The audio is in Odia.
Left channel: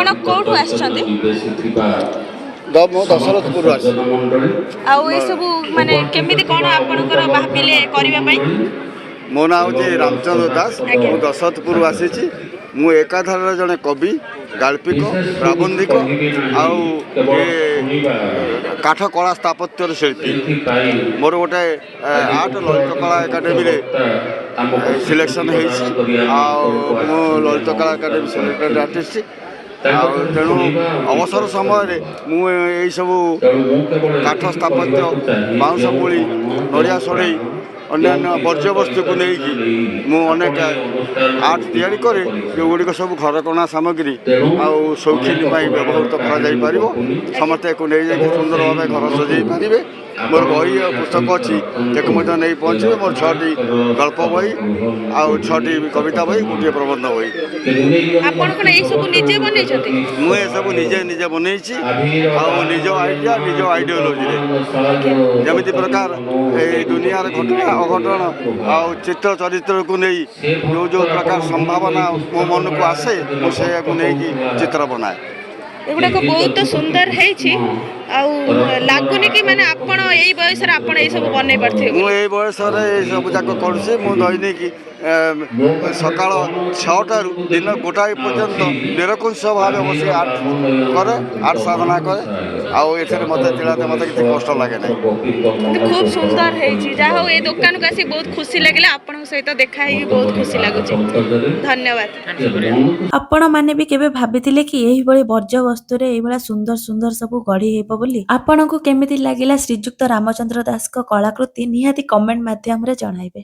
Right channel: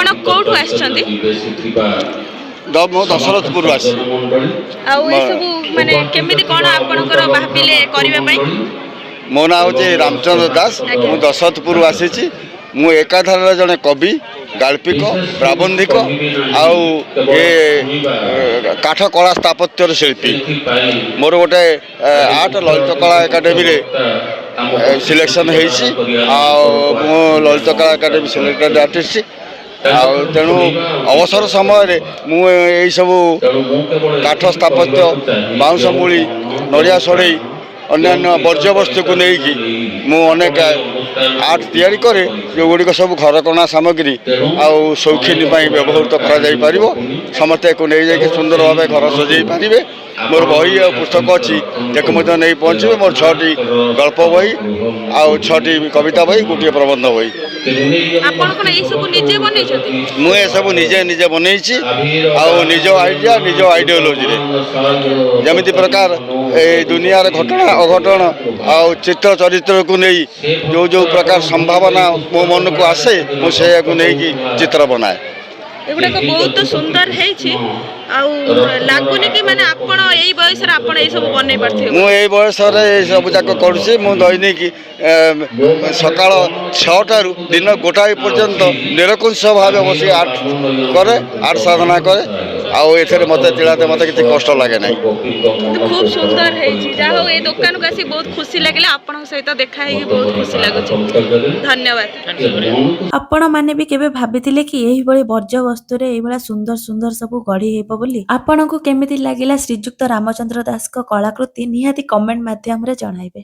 आपण कोठू आछंती ମୁଁ ଦଶରଥପୁର ଆସି ଆଉ ଏ ସବୁ ମାନେ କେମିତି କଣ ଆପଣଙ୍କର ଭାବିଲେ କରିବା ପାଇଁ? ମୋ ନାଁ ହେଉଛି ରାମଚନ୍ଦ୍ର ଦାସ। ମୁଁ ଦଶରଥପୁର ଆସିଛି। ମୁଁ ଏକାଧାରରେ ଜଣେ କବି, ଗାଳ୍ପିକ, ପ୍ରାବନ୍ଧିକ ଆଉ ଏ କାଠ କଳା ସ୍ଥାପତ୍ୟର ଶିଳ୍ପୀ। ମୋର ଗୋଟେ ଆର୍ଟ ଲଳିତ କଳା ଏକାଡେମୀରେ ସିଲେକ୍ସନ୍ ହେଇଛି। ଆଉ ମୁଁ ଲଳିତ କଳା ଏକାଡେମୀ ସିଲେକ୍ଟେଡ୍ ଆର୍ଟିଷ୍ଟ। ଆଉ ତେଣୁ ଅବସର ସମୟରେ ମୁଁ ଏଇସବୁ କାଠ ସ୍ଥାପତ୍ୟ, ବାଉଁଶ ମୂଳି, ନଡ଼ିଆ ସଢ଼େଇ, ଅନ୍ୟାନ୍ୟ ବର୍ଜ୍ୟବସ୍ତୁକୁ ନେଇକି ମୁଁ ଅନେକ ଆର୍ଟ ତିଆରି କରେ, ଯେଉଁଗୁଡ଼ିକ ସବୁ ଘରକରଣା ସାମଗ୍ରୀ ଆଉ ସୌଖିନୀ ପାଇଁ ବ୍ୟବହୃତ କରାଯାଇପାରିବ। ସମସ୍ତେ ଏହାକୁ ନେଇଯାଇକି ସୁନ୍ଦର ଭାବେ ଘର ସଜେଇ ପାରିବେ। ମୋର ବହି ଆଉ ପୁସ୍ତକ ଅଛି, ତାକୁ ମଧ୍ୟ ନେଇ ପହଞ୍ଚିବେ। ମୋର 6ଟି ଗଳ୍ପ ବହି ଆଉ 6ଟି କବିତା ବହି, ଗୋଟିଏ ପ୍ରବନ୍ଧ ବହି। ଆପଣ କଣ ଏଇ ସବୁ ନିଜେ ବନେଇଛନ୍ତି? ମୁଁ ଏସବୁ ନିଜେ ବନେଇଛି ଆଉ ନିଜ ଆଇଡ଼ିଆ, ନିଜ ଆଇଡ଼ିଓଲୋଜିରେ। ଯେମିତି ପ୍ରକାର ଏଇ ଦୁନିଆର ଘଟଣା ଅଘଟଣ ଆଉ ଚିତ୍ର ଚରିତ୍ରକୁ ନେଇ ଯେଉଁ ପ୍ରକାର ସମ୍ଭାବନା ମୋ ମନକୁ ଆସେ, ମୁଁ ସେଇଆକୁ ନେଇକି ଚିତ୍ର ବନାଏ। ଏଗୁଡାକ ବହୁତ ସୁନ୍ଦର ହେଇଛି। ଆଉ ଲାଗୁନି କି ମାନେ ଆପଣ ଏଇ ବୟସରେ ଆପଣ ଏଇ ସବୁ ବନେଇ ପାରୁଥିବେ? ମୁଁ ଏଇ ବୟସରେ ଏସବୁ ଯାକ କରୁଛି। ମୁଁ ଦୈନିକ ସକାଳ 6ଟାରୁ ଦିନ 1ଟା ପର୍ଯ୍ୟନ୍ତ ନିରଙ୍କୁଶ ଭାବେ ବସି ଆର୍ଟ କରେ, ଆର୍ଟ ସାଧନା କରେ। ଆଉ ଏଥିରେ ମୋତେ କିଛି କଷ୍ଟ ଲାଗେ ନାହିଁ। କିନ୍ତୁ ଖୁବ ସୁନ୍ଦର ହେଇଛି। ଯାହା ହଉ ଏଇ ଦୋକାନକୁ ଆସି ବହୁତ ଖୁସି ଲାଗିଲା। ଆପଣଙ୍କ ସହିତ ଦେଖା ହେଇକି ବହୁତ ଖୁସି ଲାଗୁଛି। ଧନ୍ୟବାଦ। ଆପଣ ମାନେ ବି କେବେ ଭାବିଥିଲେ କି ଏହିଭଳି ବର୍ଜ୍ୟ ବସ୍ତୁରେ ଏଇଭଳିଆ ସୁନ୍ଦର ସୁନ୍ଦର ସବୁ ଗଢି ହେବ ବୋଲି? ଆପଣଙ୍କୁ କେମିତି ଲାଗିଲା ଶ୍ରୀଯୁକ୍ତ ରାମଚନ୍ଦ୍ର ଦାସଙ୍କ କଳାକୃତି ନିହାତି କମେଣ୍ଟ ମାଧ୍ୟମରେ ଜଣାଇବେ।